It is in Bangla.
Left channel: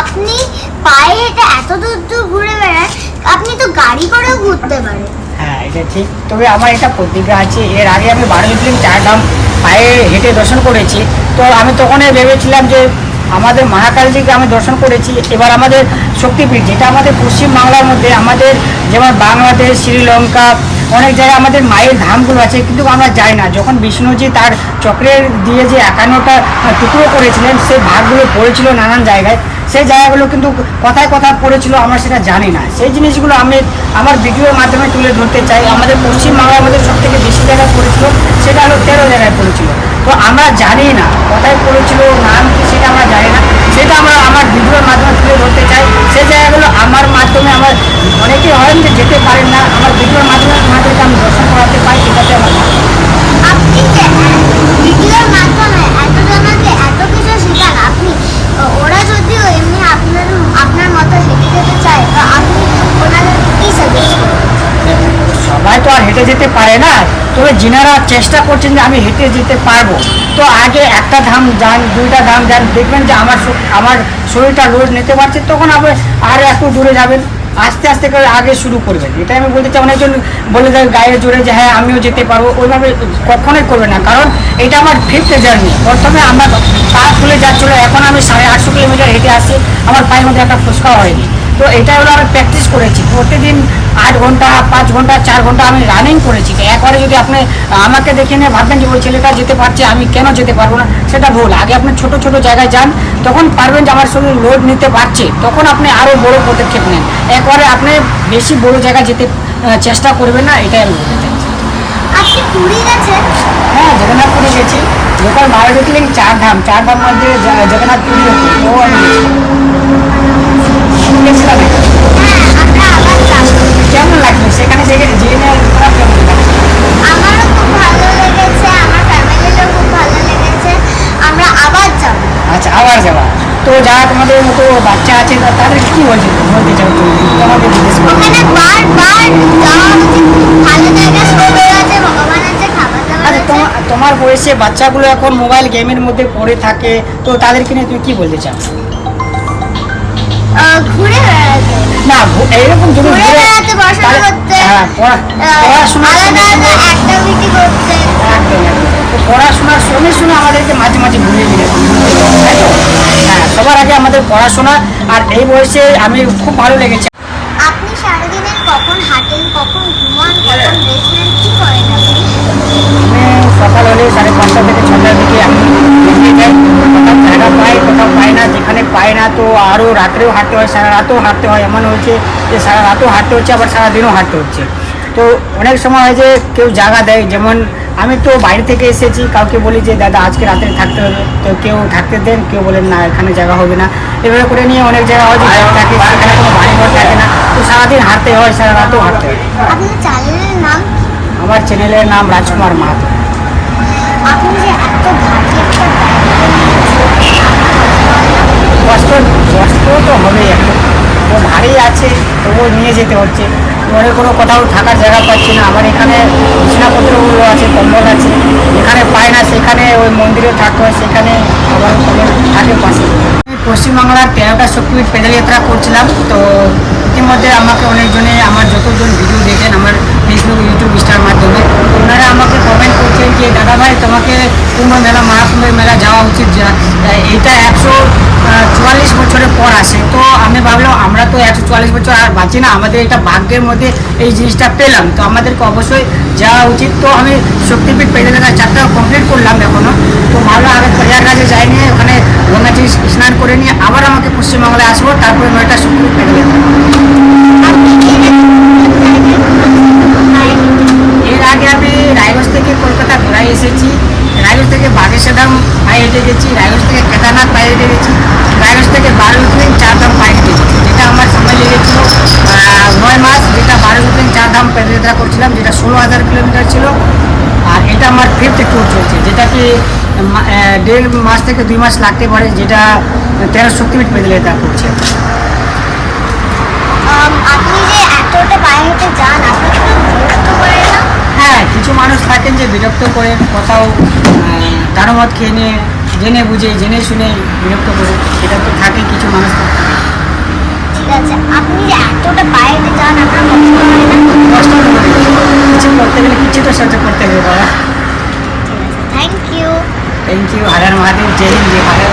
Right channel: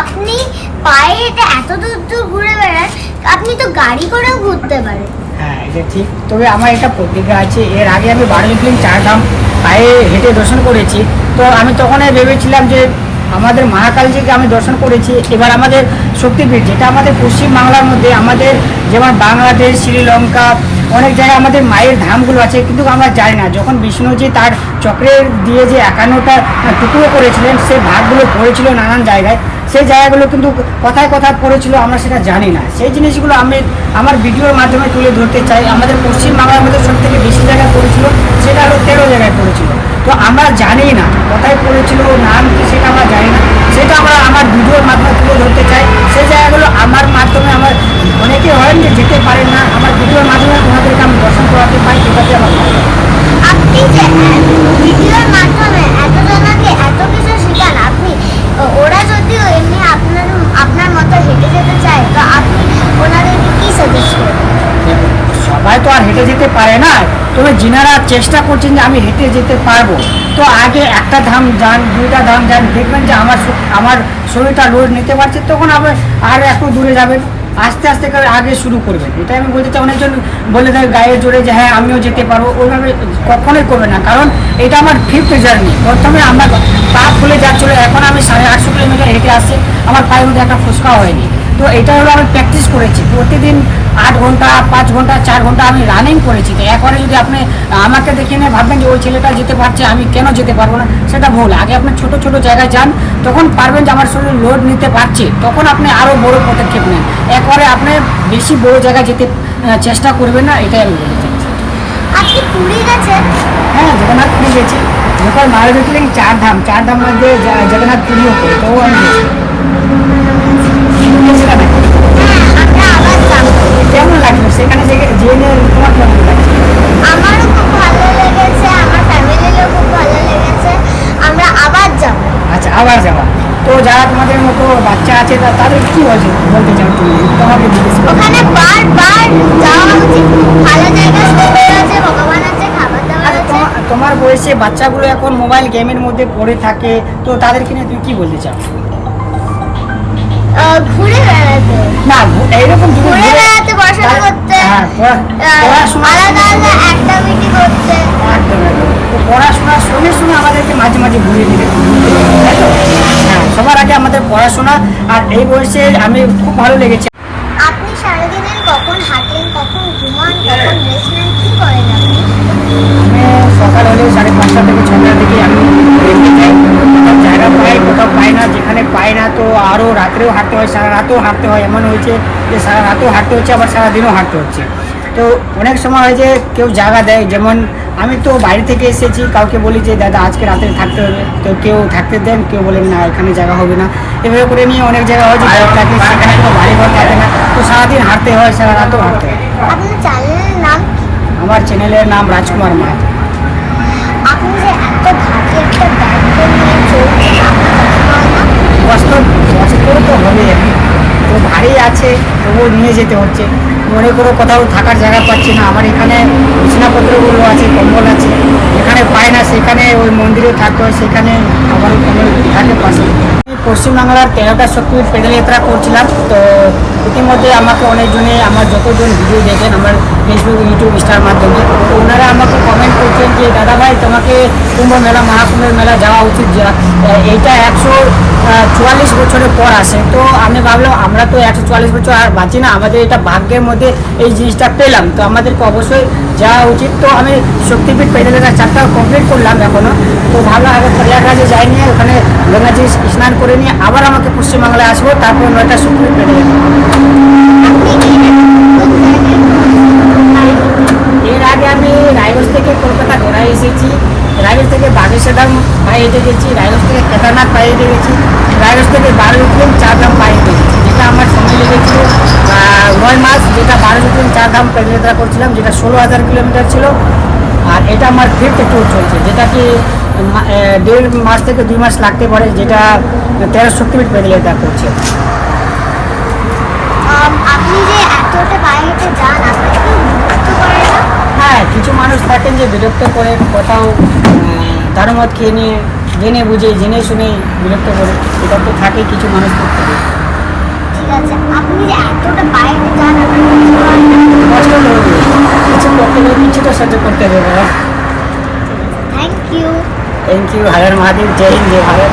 আপনি পায়ে হেঁটে এত দূর দূর ঘুরে বেড়ান, আপনি তো গাড়ি করেও ঘুরতে পারেন। হ্যাঁ, এটা ঠিক। তবে আমার এটা প্রতিজ্ঞা আছে, এর আগে আমি 12 জ্যোতির্লিঙ্গ 4 ধাম পায়ে হেঁটে দর্শন করেছি। তো আমি তখনই ভেবেছিলাম যে আমাদের মহাকালীকে আমি দর্শন করেছি, এবার আমাদের শক্তিপীঠ যেটা আমাদের পশ্চিমবাংলার মধ্যে, আমাদের যেমন বাংলাদেশ, শ্রীলঙ্কা, অনেক জায়গায় আমাদের মায়ের ধামগুলো আছে, কিন্তু আমরা যাই না। যখন বিষ্ণুজি তার চক্রের দিয়ে যে 51টা টুকরো করেছিলেন, সেই ভাগগুলো পড়েছিল নানান জায়গায়, সেই জায়গাগুলো কিন্তু কথায় কথায় পড়েছিল, আমরা সেটা জানি না। সেই জিনিসগুলো আমি আমার ভিডিওর মাধ্যমে তুলে ধরতে চাই। আমাদের পশ্চিমবাংলার মধ্যে সব থেকে বেশি জায়গায় পড়েছিল, সেটা হলো 13 জায়গায় পড়েছিল। তো আমরা জানি না কোথায় পড়েছিল, নাম কি, সেটা আমরা জানি না। সেটা আমরা আমার ভিডিওর মাধ্যমে তুলে ধরতে চাই। সেই জায়গাগুলো আমার মাধ্যমে, আমার অনেকে হয় যে যেতে পারেন না, আমার ভিডিওর মাধ্যমে তোমাদেরকে আমি দর্শন করাতে পারি, এটাতে আমার ভালো লাগে। আপনি যে ভিডিওর মাধ্যমে এতজনকে এত কিছু শেখান, আপনি ওরা যদিও এমনি আপনার মতো হেঁটে যেতে চায়, তো আপনি ওনাদেরকে কি সাজেস্ট করবেন? সবাই তো আর হেঁটে যেতে পারে না, তবে যিনারা চেষ্টা করছেন যে আমি হেঁটে যেতে পারবো, তো আগে একটা ধাম যান, 2টা ধাম যান, দেখবেন যে আমার শরীরটা লোড নিতে পারছে, তখন আবার আর একটু দূরে যাবেন, আস্তে আস্তে করে আগে শুরু করবেন। এটাই আমি বলতে চাই। অনেকজন বলে দেয় গায়ে জোরে যে হ্যাঁ আমিও যেতে পারবো, ওইভাবে কখনোই করবে না, কারণ এটা আমার 5th জার্নি। প্রথমে আমার পা খুলে যাচ্ছিলো, এখন আমি 850 কিলোমিটার হেঁটে আসছি, আমার পায়ের মধ্যে একটা ফুসকা হয়নি। তো এটা হলো আমি প্র্যাকটিস করেছি প্রতিদিন 8 ঘন্টা, 5 ঘন্টা, 4 ঘন্টা আমি রানিং করেছি। তো একবারে যদি আপনি আমাকে দেখে নিয়ে ভাববেন যে ওই ছেলেটা যেতে পারছে, আমি কেন যেতে পারবো না, সেটা ভুল। আগে আপনি ছোট ছোট জায়গায় যান, তখন পারবেন যে আমার শরীর লোড নিতে পারছে, তখন আপনি আরও বড় পদক্ষেপ নেন। একবারে আপনি বেশি বড় জায়গায় যেতে চেষ্টা করবেন না, এটাই আমি বলতে চাই। আপনি পুরী গেছেন? হ্যাঁ, জগন্নাথ পুরী গেছি। যখন 12 জ্যোতির্লিঙ্গ 4 ধাম, 4 ধাম মধ্যে জগন্নাথ পুরীও পড়ে, তো আমি গেছি। গেছিলাম নাকি? হ্যাঁ, আমরা আবার যাব। কেমন লাগলো সেখানে জেনে তোমার কেমন লাগছে? আমারও খুব ভালো লেগেছে, আমার ফ্যামিলিরও খুব ভালো লেগেছে, আমরা আবার যাব। আচ্ছা, আবার যাবা। তো যারা তোমাদের মতো বাচ্চা আছে তাদের কি বলতে চাও তুমি, তোমাকে জিজ্ঞেস করো। ওখানে বারবার যাওয়া উচিত, খুব ভালো জায়গা, সমুদ্র আছে, ভগবান আছে, খাবার দাবার আচ্ছা, আছে। তোমার বয়সে বাচ্চাগুলো এখন মোবাইল গেমের মধ্যে পড়ে থাকে, তো তাদেরকে নিয়ে তুমি কি বলতে চাও? ঘুরে বেড়াতে, না, এইরকম তুমি ঘুরে বেড়াতে, পড়াশোনা করতে, হ্যাঁ, পড়াশোনা আলাদা আলাদা অ্যাক্টিভিটি করতে। একদম একদম। তো পড়াশোনার সঙ্গে সঙ্গে আমাদেরকে মাঝে মাঝে ঘুরিয়ে দিলে, তাই তো? হ্যাঁ, সবার আগে আমাদের পড়াশোনা। আর এই বয়সে আমি খুব ভালো লেগেছে। আপনি সারাদিনের কখন হাঁটেন, কখন ঘুমান, কখন রেস্ট নেন, কি করেন আপনি? আমি সকাল হলে 5:30 থেকে 6টার দিকে আমি বেরিয়ে যাই। কোথাও জায়গা পাই, কোথাও পাই না। যেখানে পাই না তো আরও রাত্রেও হাঁটতে হয়, সারা রাতেও হাঁটতে হয়। এমন হয়েছে যে সারা রাতেও হাঁটতে হচ্ছে, আবার সারাদিনও হাঁটতে হচ্ছে। তো অনেক সময় হয় যে কেউ জায়গা দেয়, যেমন আমি তো বাইরে থেকে এসেছি, কাউকে বলি যে দাদা আজকে রাতে থাকতে হবে, তো কেউ থাকতে দেন, কেউ বলেন না এখানে জায়গা হবে না। এভাবে করে নিয়ে অনেক জায়গা হয় যে থাকে, সেখানে কোনো বাড়ি ঘর থাকে না, তো সারাদিন হাঁটতে হয়, সারা রাতেও হাঁটতে হয়। আপনার চ্যানেলের নাম? আমার চ্যানেলের নাম রাজকুমার মাহাতো। আপনি যে এত ভারী একটা দায়িত্ব নিয়েছেন, আপনার কষ্ট হয় না? কষ্ট তো হবেই, এখন তো ভারী আছে, তবুও নিয়ে যেতে হচ্ছে। মনে কোনো কোথাও থাকার জায়গা পাচ্ছি না, আমার এখানে বিছানাপত্রগুলো আছে, কম্বল আছে, এখানে পায় না, সেখানে ওই মন্দিরেও থাকতে হয়, সেখানে আবারও কম্বল থাকে পাশে। পশ্চিমবাংলার 13টা শক্তিপীঠ পেদল যাত্রা করছিলাম। তো ইতিমধ্যে আমাকে অনেকজনে, আমার যতজন ভিডিও দেখেন আমার ফেসবুক, ইউটিউব, ইনস্টার মাধ্যমে, তো ওনারা আমাকে কমেন্ট করছেন যে দাদা ভাই তোমাকে কুম্ভ মেলা, মহাকুম্ভের মেলা যাওয়া উচিত। এইটা 144 বছরের পর আসে। তো আমি ভাবলাম আমরা তো 144 বছর আর বাঁচি না, আমাদের এটা ভাগ্যের মধ্যে এই জিনিসটা পেলাম, তো আমাদেরকে অবশ্যই যাওয়া উচিত। তো আমি শক্তিপীঠ পেদল যাত্রা 4টা কমপ্লিট করলাম এখনও। তো ভাবলাম আগে প্রয়াগরাজে যাই নিয়ে, ওখানে গঙ্গাজি স্নান করে নিয়ে আবার আমাকে পশ্চিমবাংলায় আসবো, তারপরে 9টা শক্তিপীঠ পেদল যাত্রা। এর আগে আমি রায়গঞ্জ থেকে কলকাতা ঘোরায় এসেছি, রায়গঞ্জ থেকে বাগেশ্বর পায়ে হেঁটে গেছি, রায়গঞ্জ থেকে কেদারনাথ পায়ে হেঁটে গেছি, রায়গঞ্জ থেকে 12 জ্যোতির্লিঙ্গ 4 ধাম পায়ে হেঁটে গেছি, যেটা আমার সময় লেগেছিল 9 মাস। যেটা 12 জ্যোতির্লিঙ্গ 4 ধাম পদযাত্রা করছিলাম, যেটা 16,000 কিলোমিটার ছিল। আর এটা আমার 5th ট্যুর চলছে, যেটা কি 1.5 মাস থেকে 2 মাস লাগতে পারে, যেটা 13 শক্তিপীঠ পদযাত্রা করছে। আপনি যে এতটা পায়ে হেঁটে যান, আপনাকে খুব বিরক্ত করে না? হ্যাঁ, কিছু মানুষ থাকেন যে বিরক্ত করে, কোথাও দারুমত খেয়ে নিয়ে জেনে বুঝে জেনে শুনে বিরক্ত করে, এটা তো থাকে কিছু মানুষ তো থাকে। ঠিক আছে, আপনি যে এতটা বাইরে যান আপনার কষ্ট তো হবে, কিছু করতে গেলে কিছু তো সহ্য করতে হবে বাবা। Thank you. Thank you, Har Har Mahadev, জয় হিন্দ, জয় ভারত।